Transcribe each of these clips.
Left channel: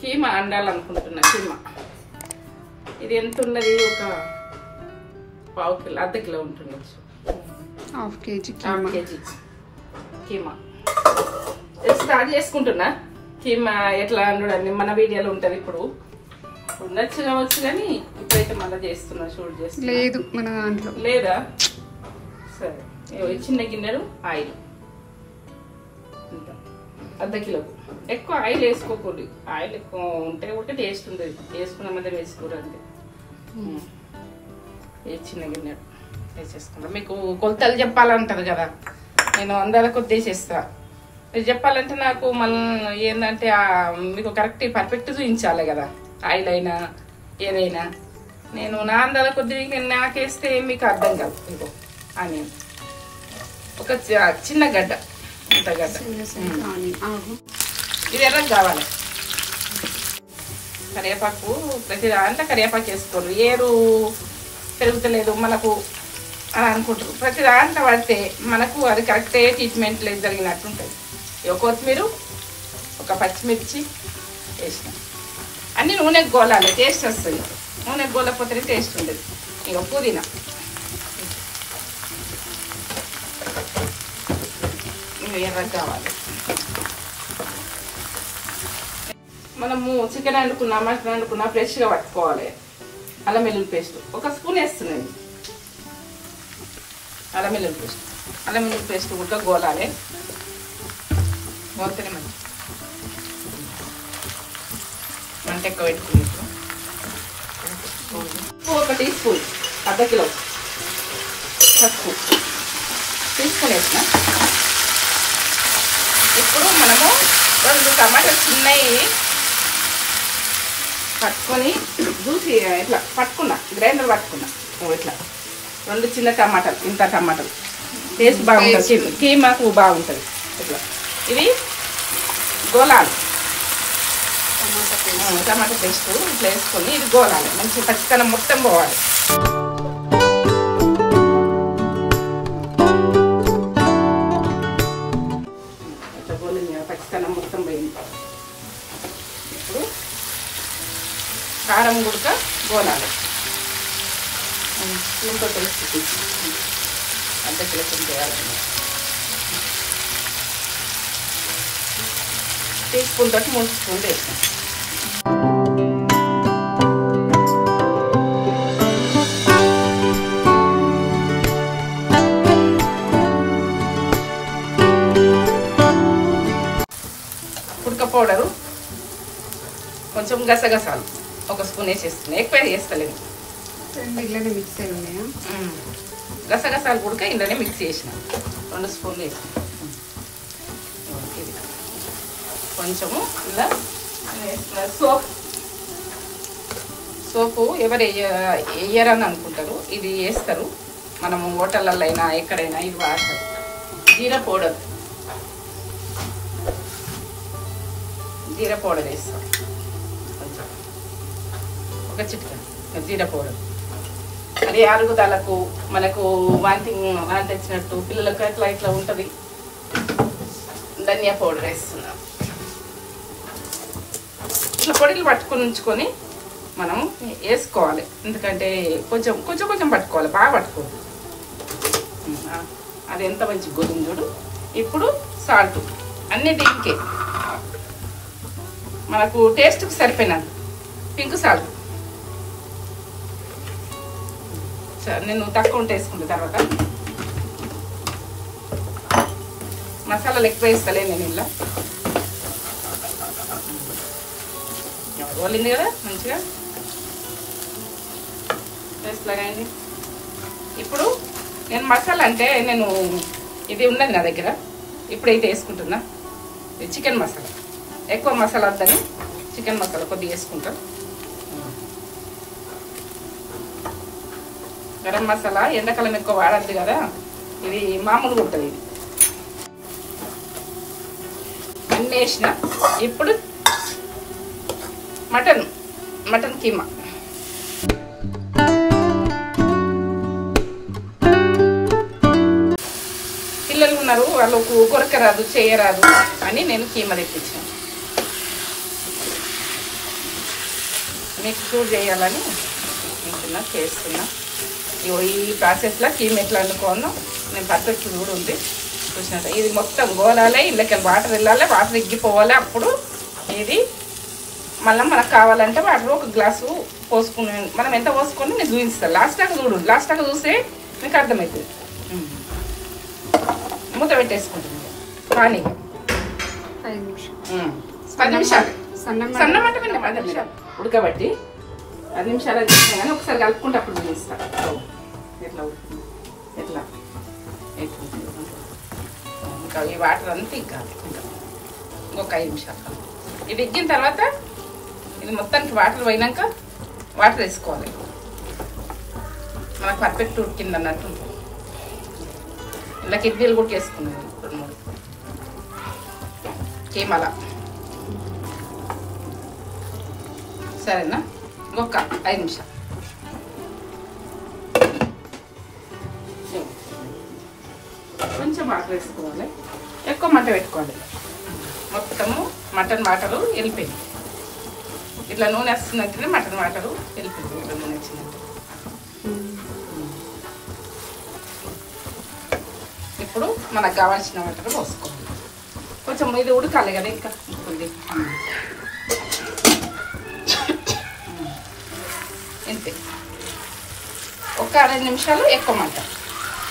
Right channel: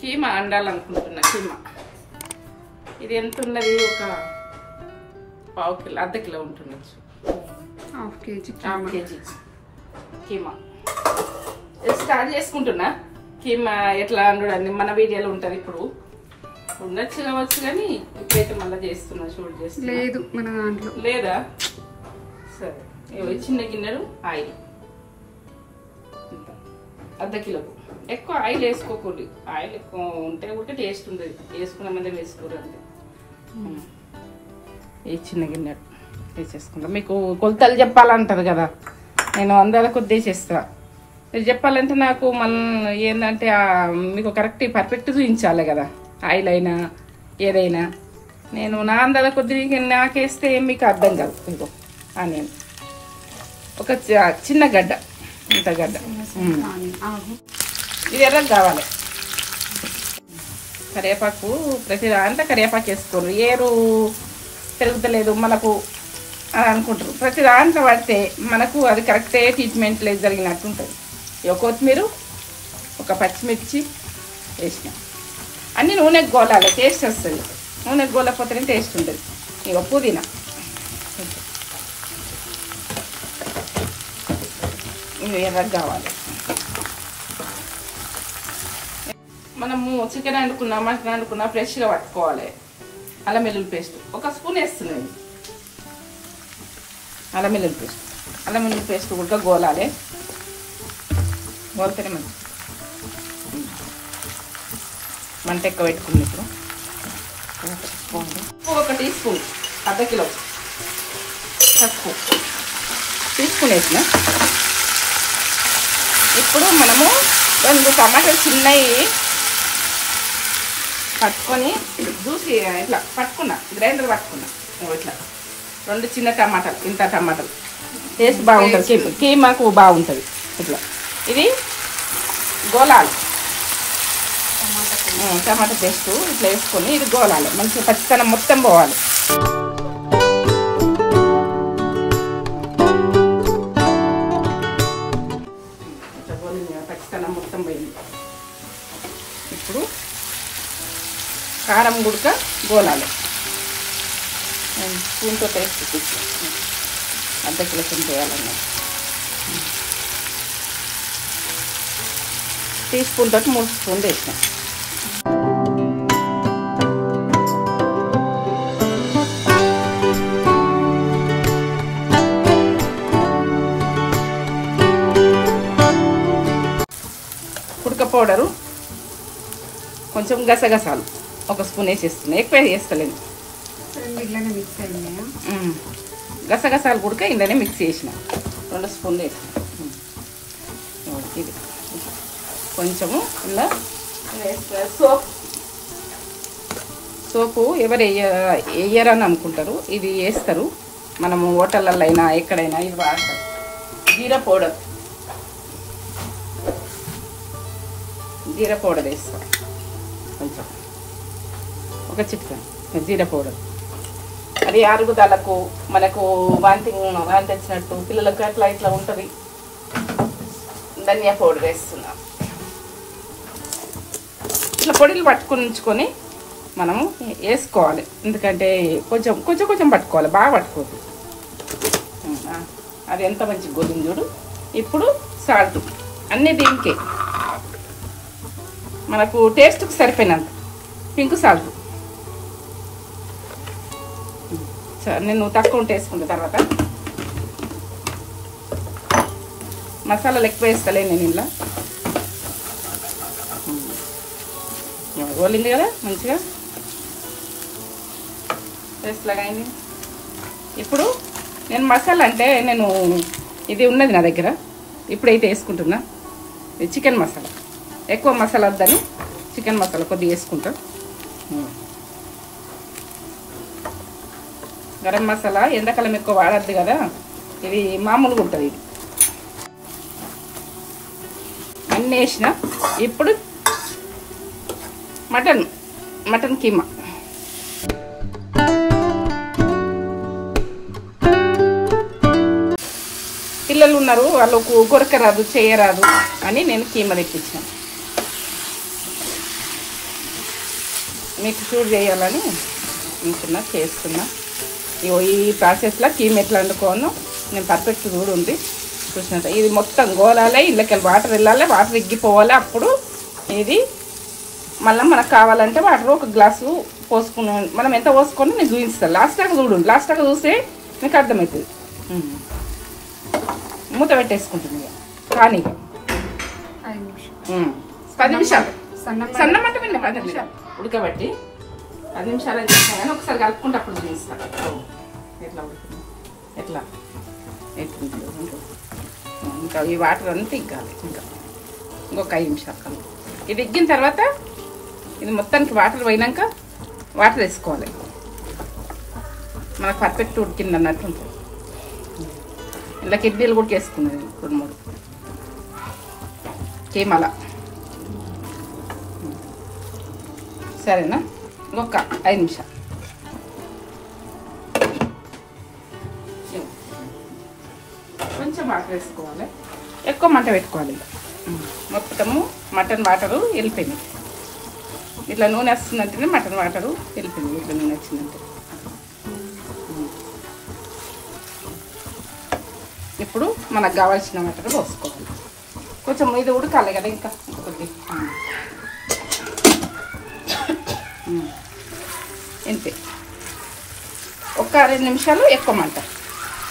కీమా అండాలనుకుంటున్నా. కీమా ఇది ఎంత ఉన్నది? ఒక పావు కిలో, అర్ధ కిలో ఉంటుండొచ్చు. హాఫ్ కేజీ కీమా స్టార్ట్ చేసుకుంటున్నా. కీమా ఎట్లా అండని మన వీడియోలో ఉంటుంది. ఇప్పుడు ఉండొచ్చు కావచ్చు కానీ ఇప్పుడైతే మళ్ళీ చేస్తున్నా. షూట్ చేస్తున్నా. లేదు మన దాంట్లో లేదా? సరే, చిన్న గిన్నెడు ఆయిల్, అర్ధ కిలోకు. ఎక్కువ ఆయిల్ వేసుకోకూడదు. ఆయిల్ ఎక్కువ ఉంటే కూడా టేస్ట్ ఉంటుంది. వేసుకున్న మీద వేసుకోరు అంతే. ఈ చిన్న గిన్నె తీసేసుకుంటా. మీకు కొలతలు చెప్పాలంటారు కదా, నేను అందరూ కొద్దిసేస్తా. మీరు చెప్పాలంటే నాకు మళ్ళీ ఏంటంటే మీకు కరెక్ట్ పర్ఫెక్ట్ చూపించాలి కదా, ఆయిల్ అయినా ఏదైనా. నేను నా అందరూ కొద్దిగా నాకేస్తే మీకు అర్థం కాదు. ఇంకో ఆనియన్ ఒక చిన్న గడ్డ, ఇంత గడ్డ. ఇది ఎర్రగా కావాలి. కరివేపాకు ప్రతి దాంట్లో కరివేపాకు వేసుకోండి. ఏరు పెరుగుతలేదు మనకు అని అనుకుంటారు. ప్రతి దాంట్లో పడితే మనకు అది కరెక్టే ట్రీట్మెంట్ లేదు జరిగినట్టు ఉంటుంది. ఒక కొత్తిమీర, ఒక పచ్చిమిర్చి వేసిన అన్ని నూనెకు గోలాలి. టేస్ట్ వస్తుంది. నూనెకు గోలకపోతేనే టేస్ట్ ఉంటుంది. ఇక పుదీనా, ఎర్రగా కావాలి. మనము చికెన్ వండుకున్నా, మటన్ వండుకున్నా ఫ్రెష్గా పట్టుకోవాలి. అల్లం వెల్లుల్లి పేస్ట్ ఒక స్పూన్ వేస్తున్నాయి. అల్లం వెల్లుల్లి పేస్ట్ కూడా గోలాలి. గోల్తేనే మంట ఎక్కువ పెట్టుకుని ఒక టీ స్పూన్, అర్ధ కిలో పసుపు తీసుకునేసిన. ఇప్పుడు మనము 2 టమాటాలు చిన్నవి పట్టుకొని దూసి ఇట్లా పట్టుకున్నా, గ్రైండర్ పట్టుకున్నా. ఇట్లా 2 చిన్న టమాటాలు, ఇంత టమాటాలు టేస్ట్ బాగుంటుంది. కీమాకు బాగుంటుంది. ఇట్లా ఇది గోలాలి. టమాటా పేస్ట్ ఇట్లా వేసుకొని ఇది గోలాలి. మంచిగా పచ్చితనం మొత్తం పోవాలి. ఇట్లా గోలింది కదా, పచ్చితనం మొత్తం పోయింది. ఇప్పుడు కారం గుడక గోలాలి. స్పూన్తో టేస్ట్ అంత టేస్ట్ చేయాలి. టీ స్పూన్ తోటి 3 స్పూన్లు వేసిన. ఉడక పౌడరు కొంచెం గసగసాలు 1 స్పూన్ వేసేస్తున్నాయి. ఎక్కువ వేస్తలేదు. ఇట్లానే మిక్స్ అయ్యాయా? గసగసాలు కూడా ఇందనే మిక్స్ చేసిన 2 స్పూన్లు వేసిన. ఇది కొంచెము ఇలా సోపు ఎవరు వేయరని అనుకుంటారు, ఇది వేస్తారు. మనము హోటళ్ళల్లో అయినా ఎక్కడైనా ఇది వాడతారు. జీరా పౌడర్ వేస్తాం కొంచెం, ఒక చిటికెడు జీరా పౌడర్. అది అరుగుదలకు మనకు వాంతింగ్ తెచ్చినట్టు పిల్లలకు అట్లా ఇట్లా ఉంటుంది. ధనియా పౌడర్ వేస్తున్నాం. ఇట్లా పొడిలు పట్టుకుని ఉంచుకొని మనము వేసుకోవాలి. ఎందుకంటే కొంచెం కొంచెం కొంచెం పట్టుకోవాలి, బాగా పట్టుకోవద్దు. అది ఎంత మంచి గోధుమడు. ఇప్పుడు సాల్ట్ అన్ని దీనికి మనకు టేస్ట్కి సరిపోయినంత పింక్ సాల్ట్. నేను తక్కువ ఉంటే వేసుకున్న తర్వాత మసాలాలు ఎక్కువ వేస్తలే నేను ఇలా. గోలింది కదా మంచిగా టేస్ట్ లాగా అయింది. ఇప్పుడు నేను మసాలా అంటే నేను ఇది ఉన్నది నా దగ్గర, ఇప్పుడైతే వేసుకుంటున్నా. ఇది చికెన్ మసాలా. ఎక్కువ మసాలా వద్దని చికెన్ మసాలా కొద్దిగా వేసుకుంటాం. గరం మసాలా ఎండాకాలం ఎక్కువ వాడద్దు కదా, ఇది మామూలుగా ఉంటుంది. ఇది అన్నీ వేసిన. ఇప్పుడు మటన్ కీమా. పిల్లలు ఉన్నారు, వాళ్ళకు కొరకరాదు చేయరాదు అని నేను కీమా తెప్పించాను. మీకు షూట్ చేయాలని అనుకున్నా, చేస్తున్నా. ఈ ప్రాసెస్లో కీమ ఎట్లా వండుకోను నేను పర్ఫెక్ట్ కూడా ఉంది చూసినట్టు. ఇది మొత్తం గోలాలి, ఇళ్ళకి వాటర్ వెళ్ళాలి, వాటర్ ఎగ్గిపోవాలి. అప్పుడు ఇది మళ్ళీ మనకు కావాలంటే వాటర్ ఒక గ్లాసు పోసుకుని మనం ఎంత పోసుకొని నేను చూపిస్తాను. లాస్ట్ దాకా చూడండి, లాస్ట్ దాకా చూస్తే మీకు అర్థమవుతుంది. మూత పెట్టేసుకుంటుంది కానీ 10 నిమిషాలు సన్న మంటండి మాట మీద ఉడకబట్టి 10 నిమిషాలు చేసినా కానీ ఒకసారి కలుపుకుంటే అప్పుడు చూపిస్తాను ఎట్లా ఉడుకుంది, ఎట్లా ఇంకా ఈ వాటర్ అంతా ఇంకా ఇంకొక 5 నిమిషాలు కలుపు. ఇది ఎగ్గిన తర్వాత ఇది మొత్తానికి వాటర్ పోయినాక వాటర్ వేసుకోవాలి. మనకు పర్ఫెక్ట్ ఉడికింది అన్నట్టు. ఇలా కిడ్నీలు కూడా వేసుకున్నారు 2-3 కీమాల. సరేనా, ఇంకొక 5 నిమిషాలు. కొంచెం వాటర్ వేసుకోవాలి, ఎక్కువ మంట పెట్టుకోవాలి. మొత్తము మటన్ వాటరు వెళ్ళిపోయింది. ఇట్లా నూనె వస్తుందంటేనే మటన్ వాటరు వెళ్ళిపోయింది. ఇట్లా నూనె వచ్చిందంటే ఇప్పుడు మనకు కావాల్సిన వాటర్ పోసుకోవాలి. కొంచెం ఇది ఉడకాలి కదా ఇంకా ఇంతే. ఒక 2 నిమిషాలు ఎక్కువ మంట.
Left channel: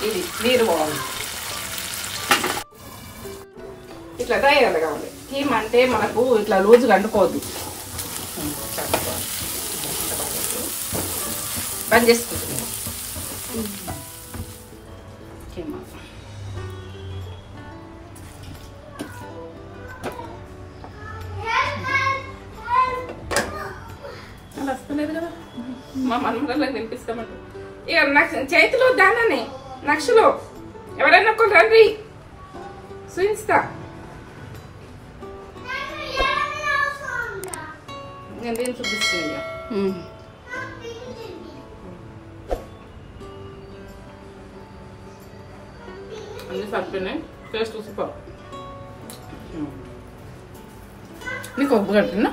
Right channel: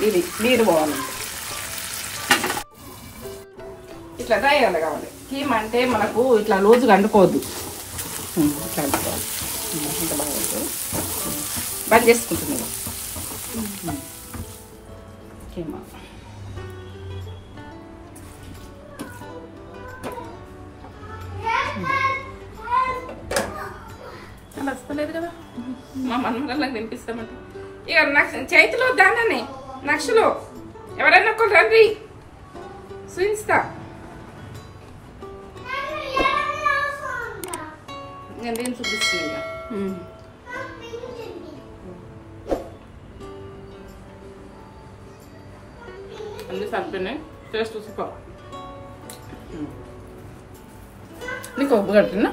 ఇది నీరు బాగుంది. ఇట్లా తయారు కావాలి. కీమా అంటే మనకు ఇట్లా రోజుగా అంటుకోవద్దు. బంద్ చేసుకుంటున్నాను కీమా. అలా వస్తలేదు కదా మా మనమలకు వినిపిస్తామంటే. ఇక నాకు చేతిలో దానని నక్షలో ఎవరైనా ఒకరు రండి చూపిస్తా. నేను దీన్ని చూపిస్తుంది ఇక. అన్ని సరిపోయినాయి. Taste super. నీకు ఉప్పు కట్టినా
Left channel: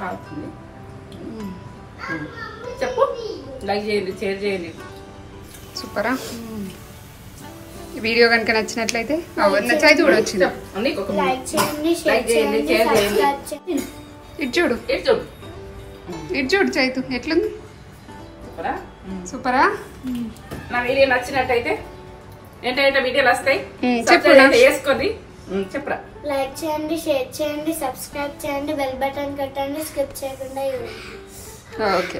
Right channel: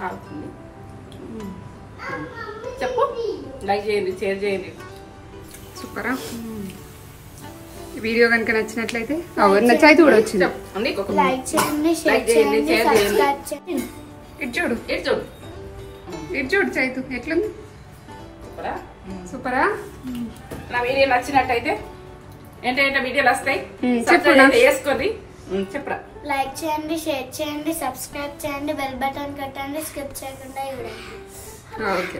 కావుతుంది. చెప్పు, లైక్ చేయండి, షేర్ చేయండి. సూపరా. ఈ వీడియో కనుక నచ్చినట్లయితే నచ్చైతే కూడా వచ్చింది. ఇటు చూడు, ఇటు చూడు చైతు ఎట్లుంది. సూపరా. నా వీడియో నచ్చినట్టయితే ఏంటంటే వీడియోలు వస్తాయి చెప్పు వేసుకోండి. చెప్పరా. లైక్ చేయండి, షేర్ చేయండి, సబ్స్క్రైబ్ చేయండి, బెల్ బటన్ కొట్టండి, స్కిప్ చేయకుండా. ఓకే.